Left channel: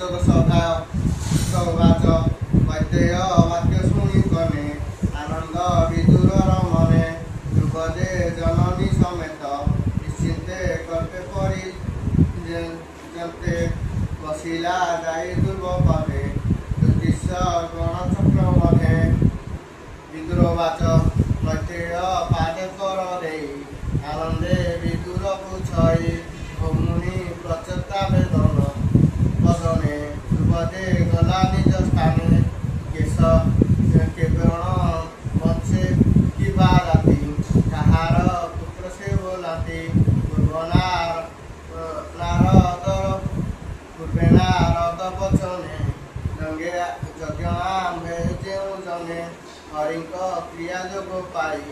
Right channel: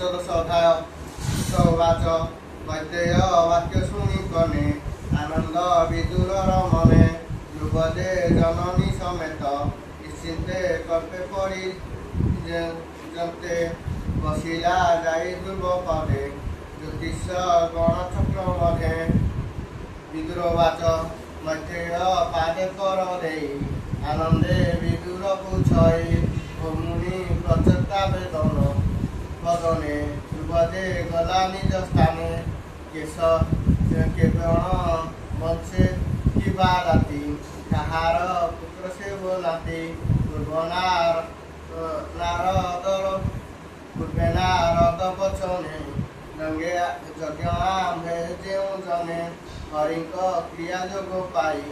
ପଞ୍ଚଦଶ ଅଧ୍ୟାୟ ସୌବାଚ ମୈତ୍ରେୟ ବାକ୍ୟ ଶୁଣି କନେ ଆନନ୍ଦ ବିଦୁରର ମନେ ଧ୍ରୁବଦେ ଜନନୀ ସମେତ ନିଶ୍ଚିନ୍ତେ କଳ୍ପେ ପରି ଜନ୍ତେ ବସିଲା ଯାଇ ଧ୍ରୁବ ପଦେ ଜ୍ୟୋତିଷ ଗଣଚକ୍ର ମଧ୍ୟେ ବିଦୁରବାଚ ମୈତ୍ରେୟ ପାଦେ କର ଦେଇ ଆନନ୍ଦେ ବିଦୁରକୁ ଛଇ ମୁନି ପ୍ରଚେତା ବେଦନ ବଦନେ ଧ୍ରୁବଦେ ଗଲା ନିଜ ସ୍ଥାନେ କେଶ କେବଳ ବଞ୍ଚେ କିବା ରାତି କାହାର ପୁତ୍ର ସେ ବୋଲାନ୍ତି ପୂର୍ବେ ନାରଦ ବଚନେ ଯଜ୍ଞ ଆମ୍ଭେ ଯେଉଁ ଜନେ ହରିଙ୍କ କ୍ରିୟା ଯୋଗ ପାଇ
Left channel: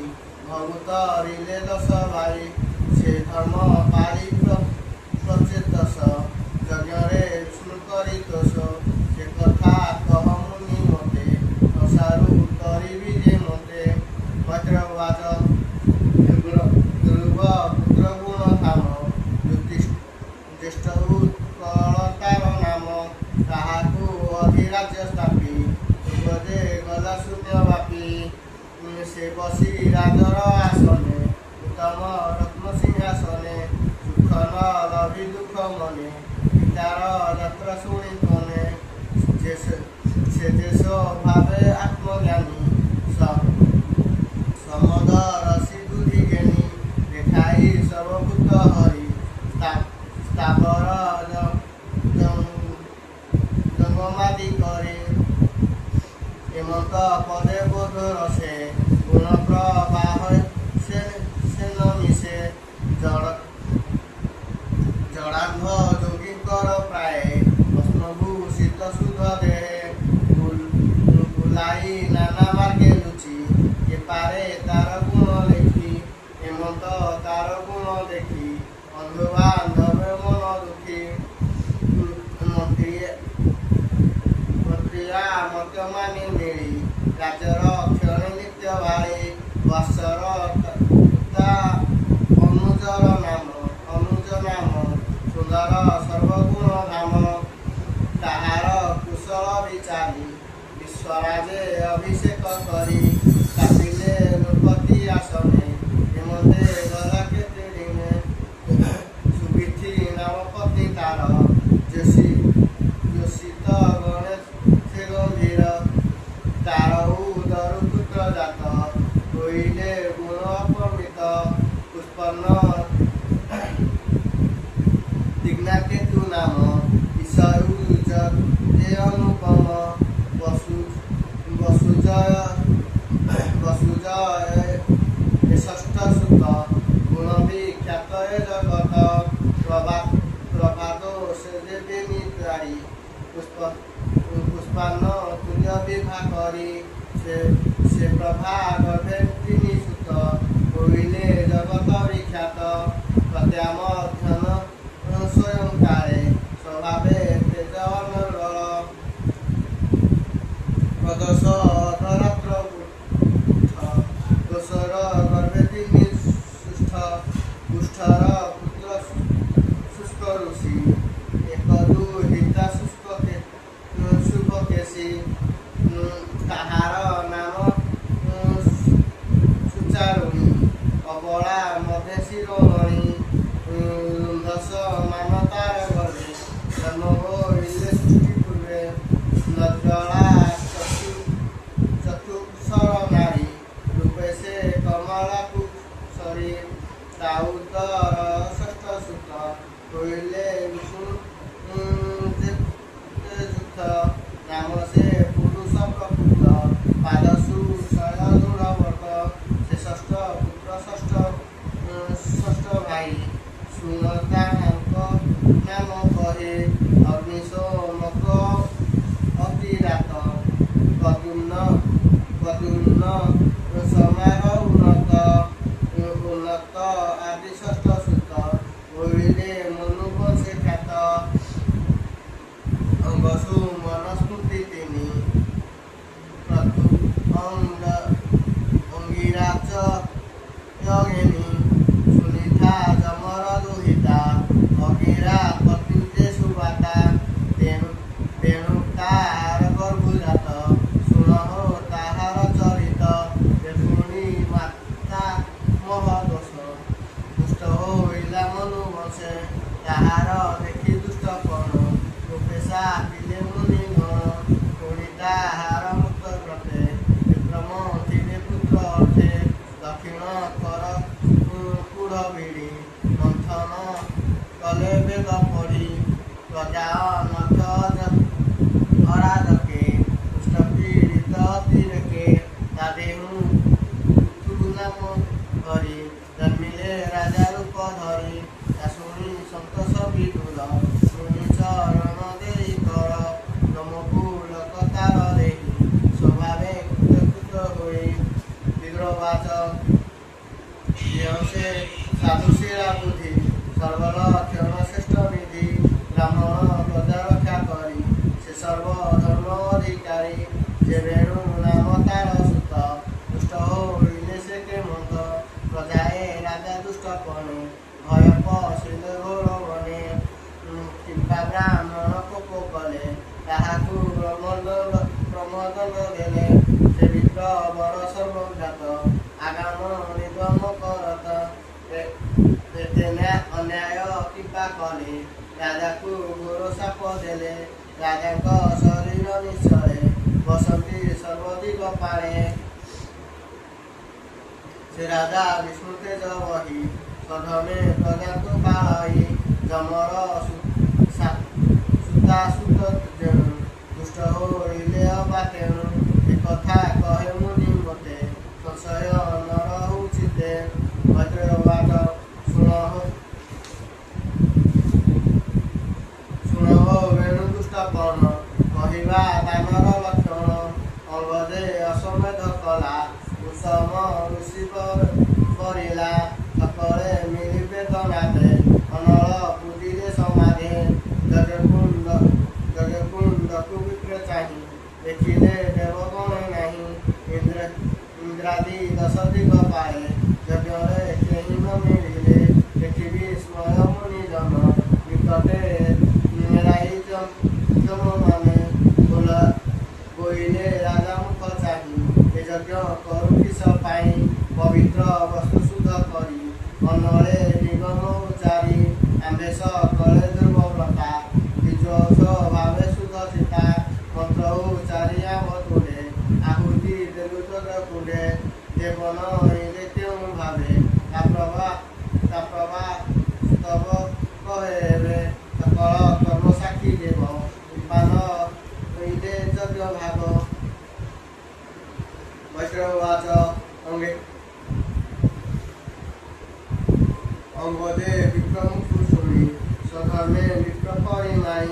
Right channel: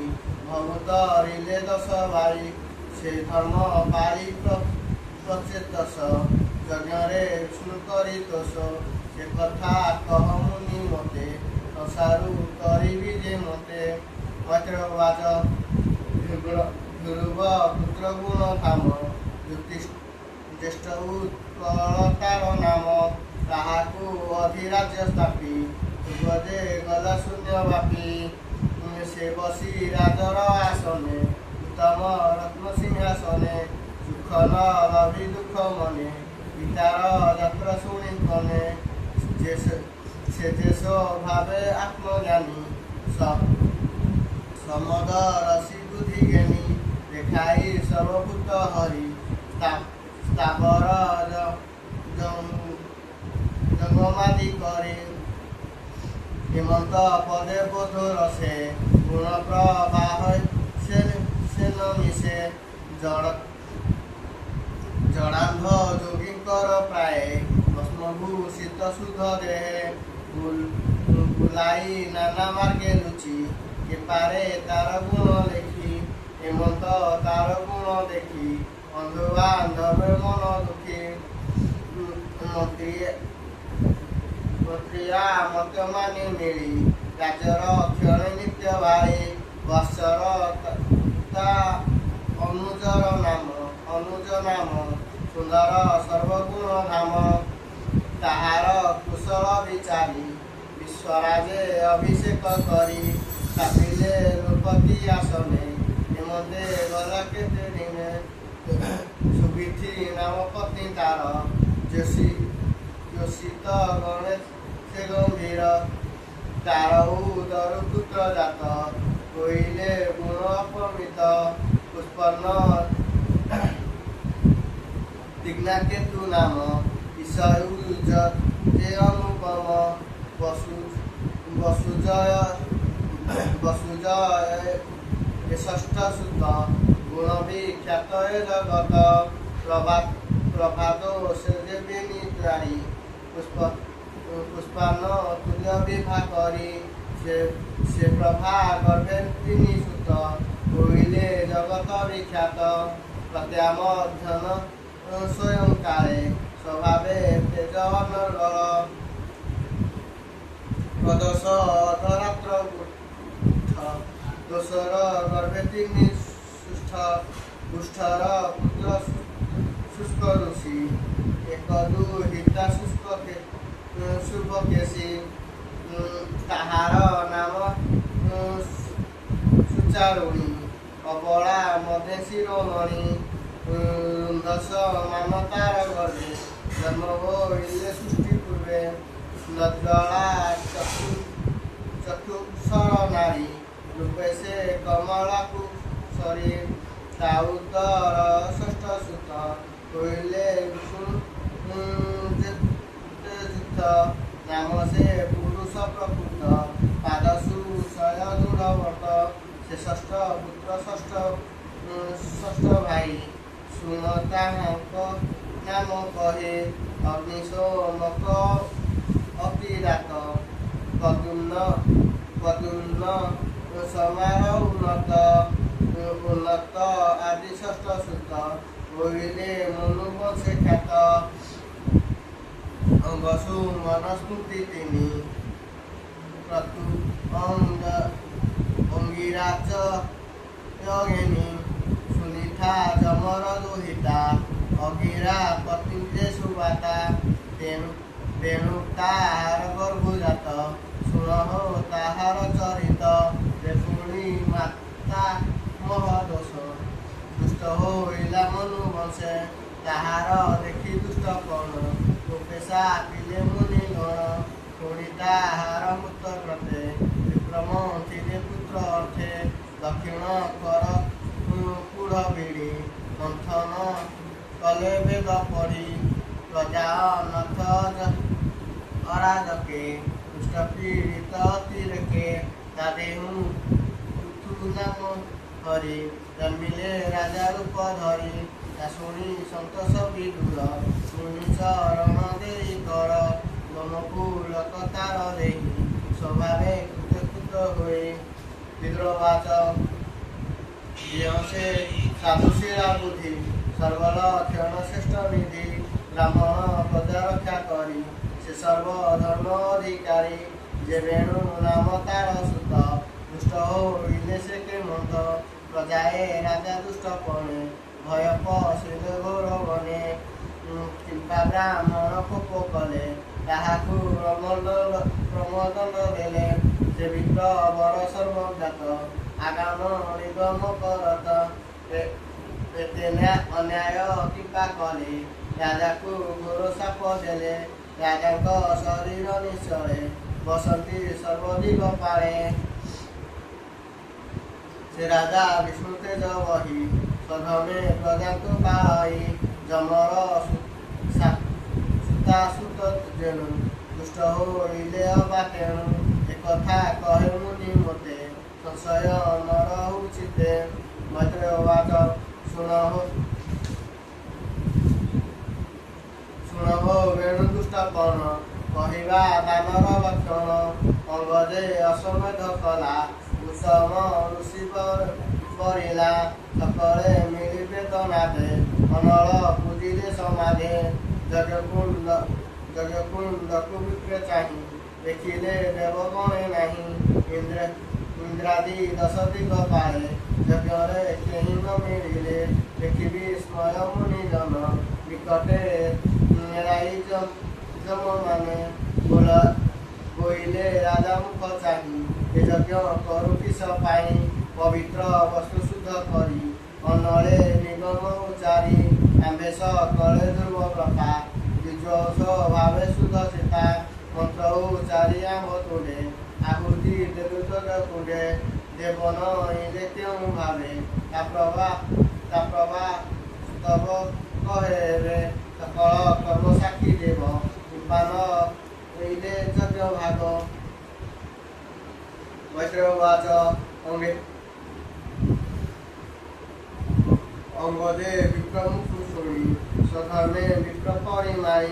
ଭଗବତ ରିଲେ ଦଶ ଭାଇ ସେ ଧର୍ମ ପାଳି ପ୍ରଚେତସ ଯଜ୍ଞରେ ବିଷ୍ଣୁ କରି ଦୋଷ ସେ କଥା କହ ମୁନି ମତେ ସଂସାରୁ କରିବି ଯେ ମତେ ମୈତ୍ରବାଚ ଧ୍ରୁବ ପୁତ୍ର ଗୁଣ ଧାମ ଜ୍ୟେଷ୍ଠ ଉତ୍କଳତାର ନାମ ତାହାକୁ ଅଧିରାଜ୍ୟ ସ୍ଥାପି ଧ୍ରୁବଦେ ଗଲା ଶୂନ୍ୟ ବ୍ୟାପୀ ସେ ବସି ରାଜର ଆସନେ ଉତ୍ତମ ରତ୍ନ ସିଂହାସନେ ସୁଖ ନ ରବି ଦୁଃଖ ମନେ ପିତାର ଯାତ୍ରା ଶୁଣି କନେ ସେ ଦେଶ ଭାବେ ଆତ୍ମଜ୍ଞାନୀ ସମଦ ରସି ବୁଦ୍ଧି ଜ୍ଞାନୀ ଦେଖାଇ ସର୍ବଭୂତ ହରି ସ୍ଥାବର ଜଙ୍ଗମାଦି করে হেমন্ত পদে বোধ রসে গুণ প্রবাহ সে মিশে জড়ান্ধ যোগীঙ্কর প্রায় ভস্মভূষিত শুদ্ধ দেহে বুলাই নানা মার্গে লুচি এপারে তার গুণ লেখি হেমন্ত তার গুণ দেখি বন্ধু বান্ধবের মন দুঃখী মন্ত্রিয়া মত মানি মিলি রাজর ক্ষণে নিত্য ভাই বৎসর অনুজ নাম সুন্দর সর্বগুণ ধাম তাহার কুশল বিচারি বিশ্বরাজে অভিষেক করি কাপিলে নৃপতি আসনে হেমন্তে গলা কেতে দিনে সুবিধি নাম পত্নী তার যোশিত গণেশ সে গম্ভীর তার উদরু পুত্র জাত হইলে গুণ অপমিত পুষ্পন্ন দিগ্নাকেতু নাম ঈশয়ুজ যে অনুপম বসুজয় ষষ্ঠ সুত গুণ বিখ্যাত এ জগত প্রভাত সে দেবী নিতারি পুষ্পান্ন তুল্য বিভা করি সে প্রভা গর্ভে তিনি সুত হইলে জগত বিখ্যাত প্রত্যামধ্যন স্বয়ং কালে স্বভাবে তেজ অনর্গল প্রদোষ ধরাত্র দোষর গর্ভে তিনি সুষ্ঠ পুষ্ঠর পুত্র শুষ্ক ঋষি এক দুহিতা শুভ কেশী তাহার নাম সুচারুণী অবলা মধ্যে শিরোমণি দশ মানতার গর্ভে জন্ম হইলে সৃষ্টি পূর্বে নজলা চতুর্শর নারী রূপে সে কমলা কুশরী তাউদর ষষ্ঠ সুত হইলে বিষ্ণু যুক্ত নাম সে পুরুষ প্রকৃত পাদসু শয় দূরবর্ত সে ষষ্ঠ পুত্র ষষ্ঠ ভাই শুণ তাহাଙ୍କ নাম কহে অগ্নিশোমক অতিরাত পদুন্ন সমার উন্নত আদি ষষ্ঠ সুত হইলে মনুবংশে খ্যাত বসু মনস্মৃতি তিনি অঙ্গিরাজ যোগিনী সুনিধা যমর দুহিতা অগিরা পতিতে সুবাতা ବେଣୁ ତାହାର ଗର୍ଭଜାତ ଶୁଣ ତାହାର ଚରିତ ପୁଣି ମାତା ମହଦୋଷ ଦୁଷ୍ଟ ହୋଇଲା ମନୁ ବଂଶେ ତାହାର ଦେଖି ଦୁଷ୍ଟ କଣ ରୂପେଶା ପିଲେ ମୁନି ଗଣ ପୁଣି ତାହାର ମୁକ୍ତ ଗ୍ରତେ ବିକ୍ରମ ଥିରେ ପୁତ୍ର ଅର୍ଥେ ଦକ୍ଷିଣ କର କୁଢ଼ ବିଡ଼ି ମନ୍ଥନ କଲେ ବେଦ ପଢ଼ି ପ୍ରଜା ଅନଥ ଅରାଜକେ ଦୁଷ୍ଟ ପୀଡ଼ିତ ତିରେକେ ତାଦେହୁ ତୁ ନାମ ହରି ଜନ୍ମିଲେ ରାଜା ରୂପ ଧରି ତା ଶୁଣି ସନ୍ତୋଷ ବିଦୁର ଶୁଣି ଚରଣ ଦେଇ କର ତମକୁ ଲୋକତାର ଦେଇ ସ୍ୱଭାବେ କୃତକୃତ ହୋଇ ବିଦ୍ରୋବାଚ ସେ ସାଧୁଶୀଳା ବୁଦ୍ଧି ସର୍ବଲକ୍ଷଣ ଶ୍ରେଷ୍ଠ ନିଧି ବ୍ରାହ୍ମଣ ପ୍ରଜା ରକ୍ଷା କରି ସେ ସର୍ବଧର୍ମ ଅଧିକାରୀ ଯେ ବେଣୁ ନାମ ତାର ସୁତ ଦୁଷ୍ଟ ହୋଇଲେ ସେ କେମନ୍ତ ପ୍ରଜାଏ ରାଜା ଦୁଷ୍ଟ ପଣେ ଭୟ ପଶିଲେ ଘୋର ବନେ କିମ୍ବା ବ୍ରାହ୍ମଣ କୋପ କଲେ ତାହାକୁ ପ୍ରମୋଦନ ଦେଲେ ସେ ବିପ୍ର ବର ସର୍ବଜ୍ଞାତ ଆଗାମ ନିଗମ କରତ ଏତେ ଅନ୍ୟାୟ କିମ୍ବା କଲେ ରାଜାକୁ ଘୋର ସାପ ଦେଲେ ରାଜାଙ୍କ ଶରୀର ନିଶ୍ଚଳେ ବସନ୍ତି ସର୍ବଦିଗ ପାଳେ ସେ ରାଜା ବିଷ୍ଣୁ ତେଜ ବହି ସଧମେ ପ୍ରଜାଙ୍କୁ ପାଳଇ ଯମର ସୂତା ସୁତ ଯେଣୁ ଦୁଷ୍ଟ ହୋଇଲେ ଅବା ତେଣୁ ଏକଥା କହେ ମୁନି ମୋତେ ସଂଶୟ ନର ଉଚିତେ ମୈତ୍ରେୟବାଚ ଶୁଣ ବେଣୁ ଦୁଷ୍ଟ ପଣ କହିବା ଦାନର ଲକ୍ଷଣ ଅଙ୍ଗଦେ ଅଶ୍ୱମେଧ କଲା ଉତ୍ତମ ଋଷି କରିଲା ସକଳେ ମିଳିବେ ଦନାଦେ ଅନଳ ପୂଜିଲେ ସମାଧି ଯଜ୍ଞକୁଣ୍ଡକୁ ବିକ୍ରେ ଚାହିଁ ଦେଖିଲେ ଦେବଗଣେ ନାହିଁ ଇନ୍ଦ୍ରାଦି ଦଶ ଦିଗ ପାଳେ ଯଜ୍ଞରେ କେହି ନ ମିଳିଲେ ଦେଖିବି ସ୍ମୟ ମୁନି ଜନ ନିକଟେ ରାଇ ଯମମାନେ ବୋଇଲେ ରାଜା ମୁଖ ଚାହିଁ ଏ ଯଜ୍ଞ କରୁ କିସ ପାଇଁ ପବିତ୍ର ବସ୍ତୁ ଶୁଦ୍ଧ କରି ଅନଳେ ନିଗମ ଉଚାରି ଆମ୍ବେଶ କଳେ ଧ୍ରୁବ ବ୍ରତା ବିଜୋଷ ଭାବେ ଶୁଦ୍ଧ ଚିତା ମନ୍ତ୍ର ଉଚାରି ଆମ୍ବ ତୁଣ୍ଡେ ଆହୁତି ଦେଲୁ ଯଜ୍ଞ କୁଣ୍ଡେ ଦେବନ ଇଲେ କେଉଁ ଭାବେ ତା ପ୍ରଭା ସ୍ତବ କହେବେ ସକଳ କର୍ମ ସାକ୍ଷୀ ଦେବ ପାନ ଇଲେ ଯଜ୍ଞ ଭାଗ ମୈତ୍ରେୟବାଚ ଅଙ୍ଗଦେ ବିକ୍ରମକୁ ଶୁଣି ସ୍ୱଧର୍ମେ ବିପ୍ର ପରିମାଇ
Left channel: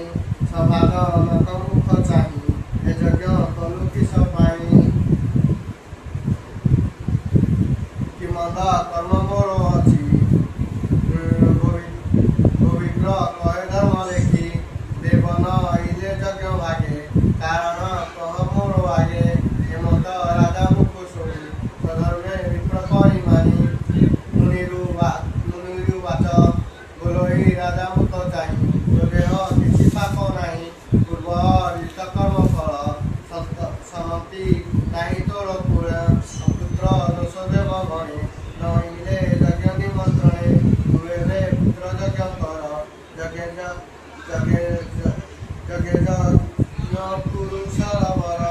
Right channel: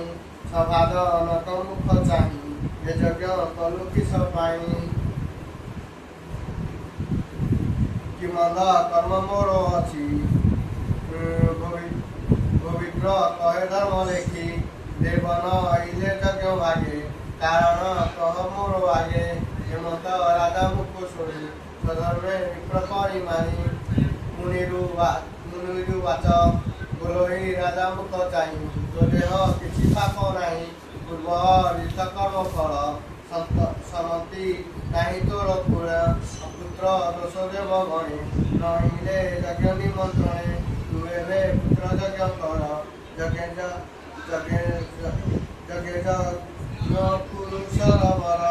ସଭାଦ ଅନକ ମୁଖ ଚାହିଁ ଏ ଯଜ୍ଞ କଲୁ କିସ ପାଇଁ କି ମନ୍ଦ କର୍ମ ମୋର ଅଛି ଗୋବିଗ୍ର କହେ ଧର୍ମ ଲେଖି ଦେବନ ଇଲେ ଯଜ୍ଞ ଭାଗେ କାରଣ କହ ମୋର ଆଗେ ହେମନ୍ତ ରାଜା ମୁଖ ଶୁଣି ସ୍ୱଧର୍ମେ ବିପ୍ର ପରିମାନି ମୁନିରୁ ବାଚ ବୋଲୋଇ ରାଜା ମୁଖ ଚାହିଁ ତୋ ଦେହ କିଛି ପାପ ନାହିଁ ପୂର୍ବ ରିତ କର୍ମ ଫଳ ସମତି ନାହିଁ ତୋର ପୁତ୍ର ଦୋଷ ଦେବ ଗଣେ ନଇଲେ ଯଜ୍ଞ ନିମନ୍ତ୍ରଣେ ତୁ ଏବେ ପୁତ୍ର ଯଜ୍ଞ କର ଯଜ୍ଞ ପୁରୁଷର ବର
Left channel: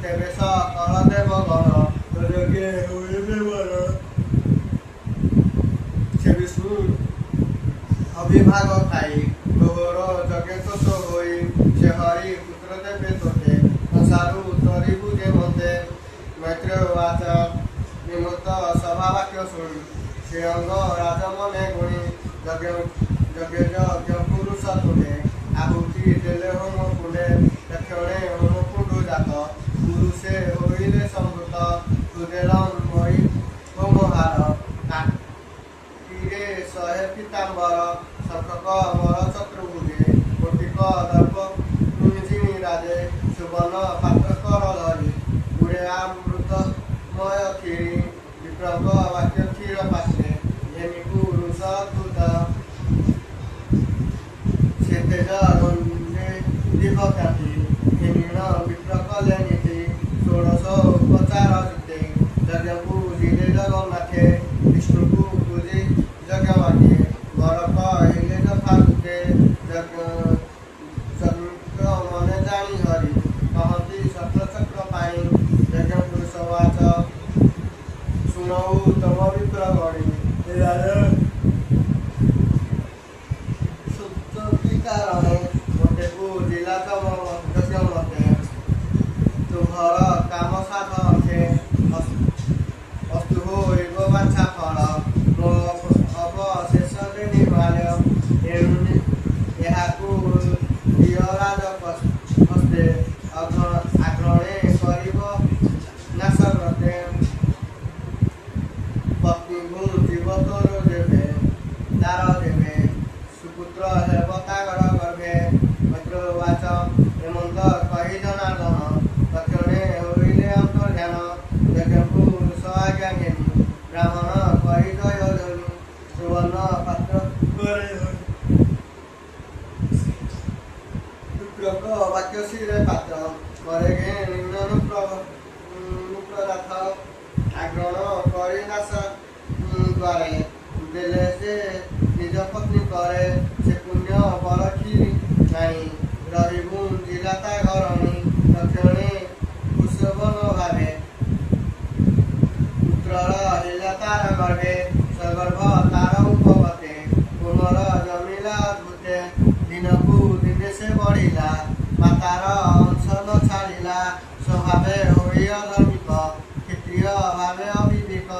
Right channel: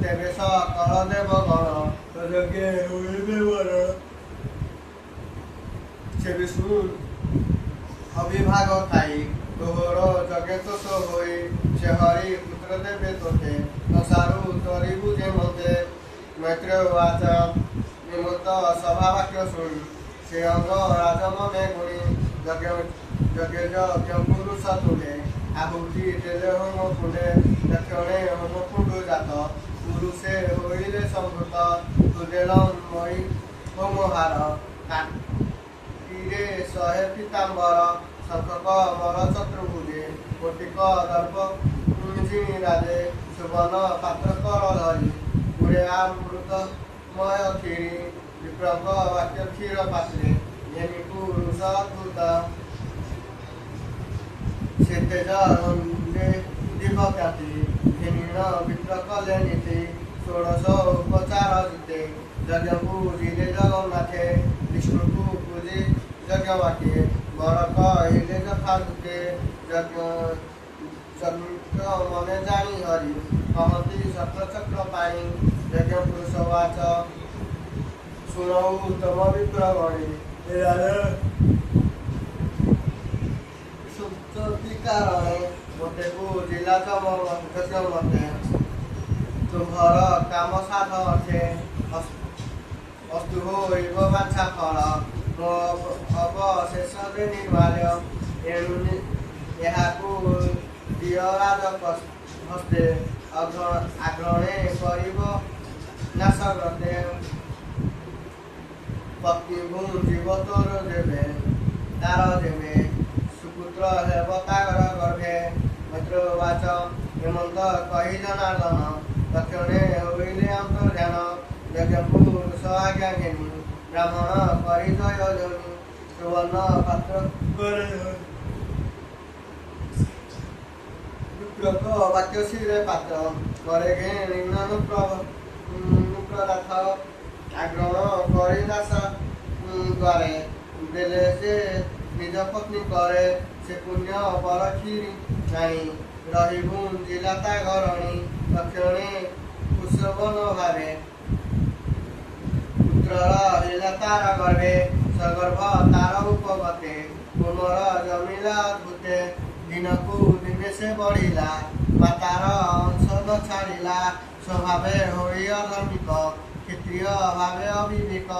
ତେବେ ସକଳ ଦେବ ଗଣ ତ ଯଜ୍ଞ ହୋଇବେ ବର ସେ ବିଷ୍ଣୁ ଅବିଭାଗ ଖାଇ ଘୋର ଯଜ୍ଞ ତୋଷ ହୋଇ ସେ ହରି ପୁତ୍ର ଦେବେ ତୋତେ ସଂସାରୁ ତରିବୁ ଯେ ମତେ ମୈତ୍ରେୟବାଚ ନିମନ୍ତ ସଭା ବାକ୍ୟ ଶୁଣି ସେ ଅଙ୍ଗ ରାଜ ମନେ ଗୁଣି ଯଜ୍ଞ ପୁରୁଷ ତୁଣ୍ଡେ ଆହୁତି ଦେଲେ ହୋମ କୁଣ୍ଡେ ଦକ୍ଷିଣେ ହୋମ କୁଣ୍ଡୁ ଜାତ ପୁରୁଷେ ହୋଇଲେ ସଂଭୃତ ତୁଦେଲ ମଇ ହୋମହାର କାଟିରେ 100 ପୀତାମ୍ବର ଶଙ୍ଖକ ମର ଚତୁର୍ଭୁଜେ କୋଟିକ ଦର୍ପ ଜିଣି ରାଜେ ସୁବର୍ଣ୍ଣ ପାତ୍ର କର ଧରି ଗୁରେ ଅମୃତମୟ କ୍ଷୀରି ବିପ୍ରଙ୍କ ବାକ୍ୟ କ୍ଷୀର ପାତ୍ରେ ଏମି ପୁରୁଷ ଅଦ୍ଭୁତ तेज रंजे दीपख्याति हिमीण विप्र कले नीति षोड़श उपचार जीते यज्ञ पूजिले जगन्नाथे विष्णु को पूजी यज्ञ बाटे वर कहले यथा दूते मने जानी हरि कहती सत्र चक्र पाणी यज्ञ पुरुष वाच शुणु तम विप्र गणी सुप्ति कारणे मोटे पूजिला तम यज्ञ मते तुम्हार काम साध अर्थे अस्तु हो एव बाछा फल मो अवशेष निर्माल्य एणु यहाकू दिय राज हस्ते आग्रणे करिब नाश व्रते पत्नी जीव तोर देवे तार देवे सुपुत्र हेब तागर गर्भे मैत्रवाच हेमंत कही जनार्दन दक्षिणे होइले अंतर्ध्यान यज्ञ आज्ञा घेनी ब्राह्मण करी जय ध्वनि सुवर्ण पात्र विप्रक वाक्य शिरे पात्र करे घे नुप्रनाथ आग्रहण करी नाश द्वारे देले से निज पत्नी करे से पुण्य बरखी नाही रहिबु जिलाता घरणी दक्षिणे कुशवन भावे पुत्रर हिला तार गर्भे सगर्भ तार उपगते कुमर जमिला अद्भुते दिनकू दिने से बढ़िला मातार अंश न छाड़िला स्वभावे होई अधर्मिक क्षत्रिय भावे अविवेक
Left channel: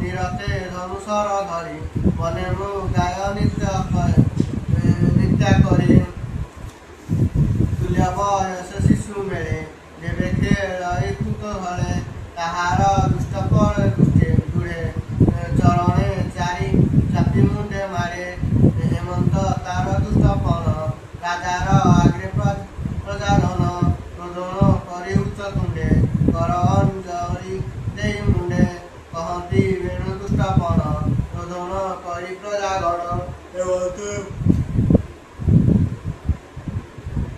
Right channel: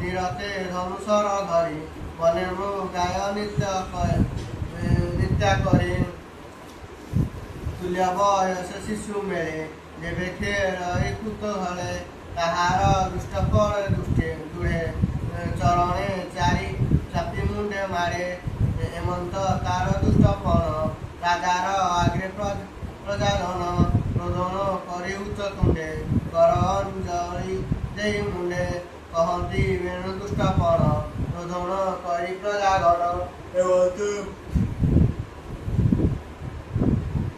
निरते धनुषर धरी बने मु गाय नित्या करी तुल्य बयस शिशु मेले देवे खेल कुतूहले ताहार दुष्ट पर दुष्टे दूरे चरणे चारि चापी मुंडे मारे हेमंत तार दुष्टपण राजार आग्रे प्रजाधन प्रदन करी उच्च तुंडे कर अंजलि देई मुंडे कहती वेणु दुष्टपण प्रदन करी प्रजागण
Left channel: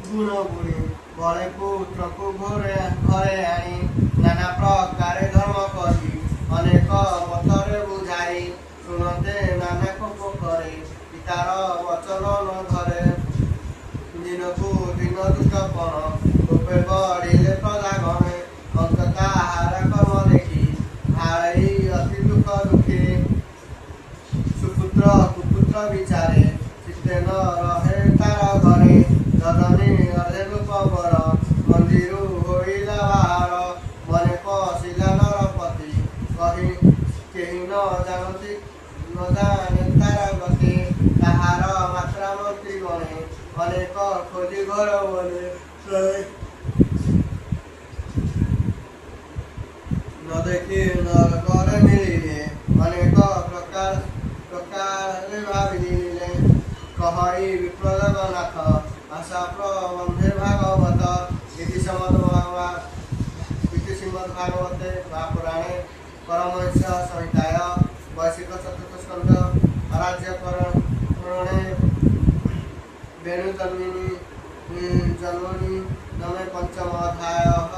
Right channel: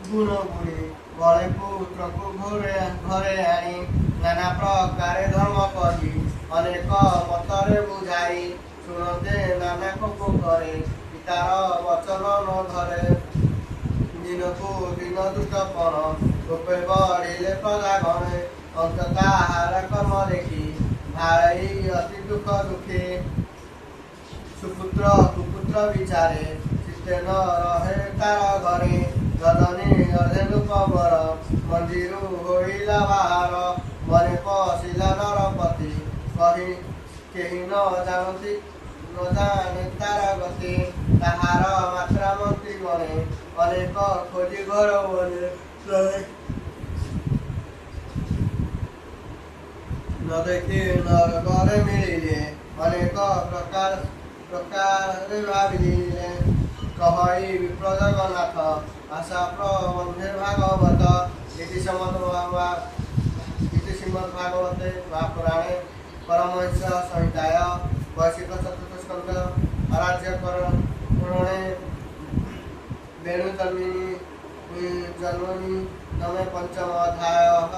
गुण गुणी बड़े पुत्र को घरे आनी नाना प्रकार धर्म करी अनेक मतरे बुझाई शुणते नाना कोप करे पितार वचन न धरे दिन को दिन दुष्टपण रूपे बढ़िले प्रजागणे अंतता हार कर्म देखी भाई अति दुख दुखी सुपुत्र कुपुत्र विचारे चित्ते न रहे तार घरे ददनी अर्धे रूपर मंदिर होइला बाहर मने पशिला नरपति कही केही न जानती न जाने तार गति ताहार मात्रा मंत्री गणे अनेक खोजी घर बने न देखी नर घर मिलिले अनेक प्रकार भाविले कहई विप्र जगन्नाथ आशा प्रबंधे भागवत इति श्रीमद्भागवते महापुराणे परमहंस संहिताय वैशिक चतुर्थ स्कंध राज्यकरणे वेणुजन्मिनी जन्मनि नमे पंचम अध्यायः।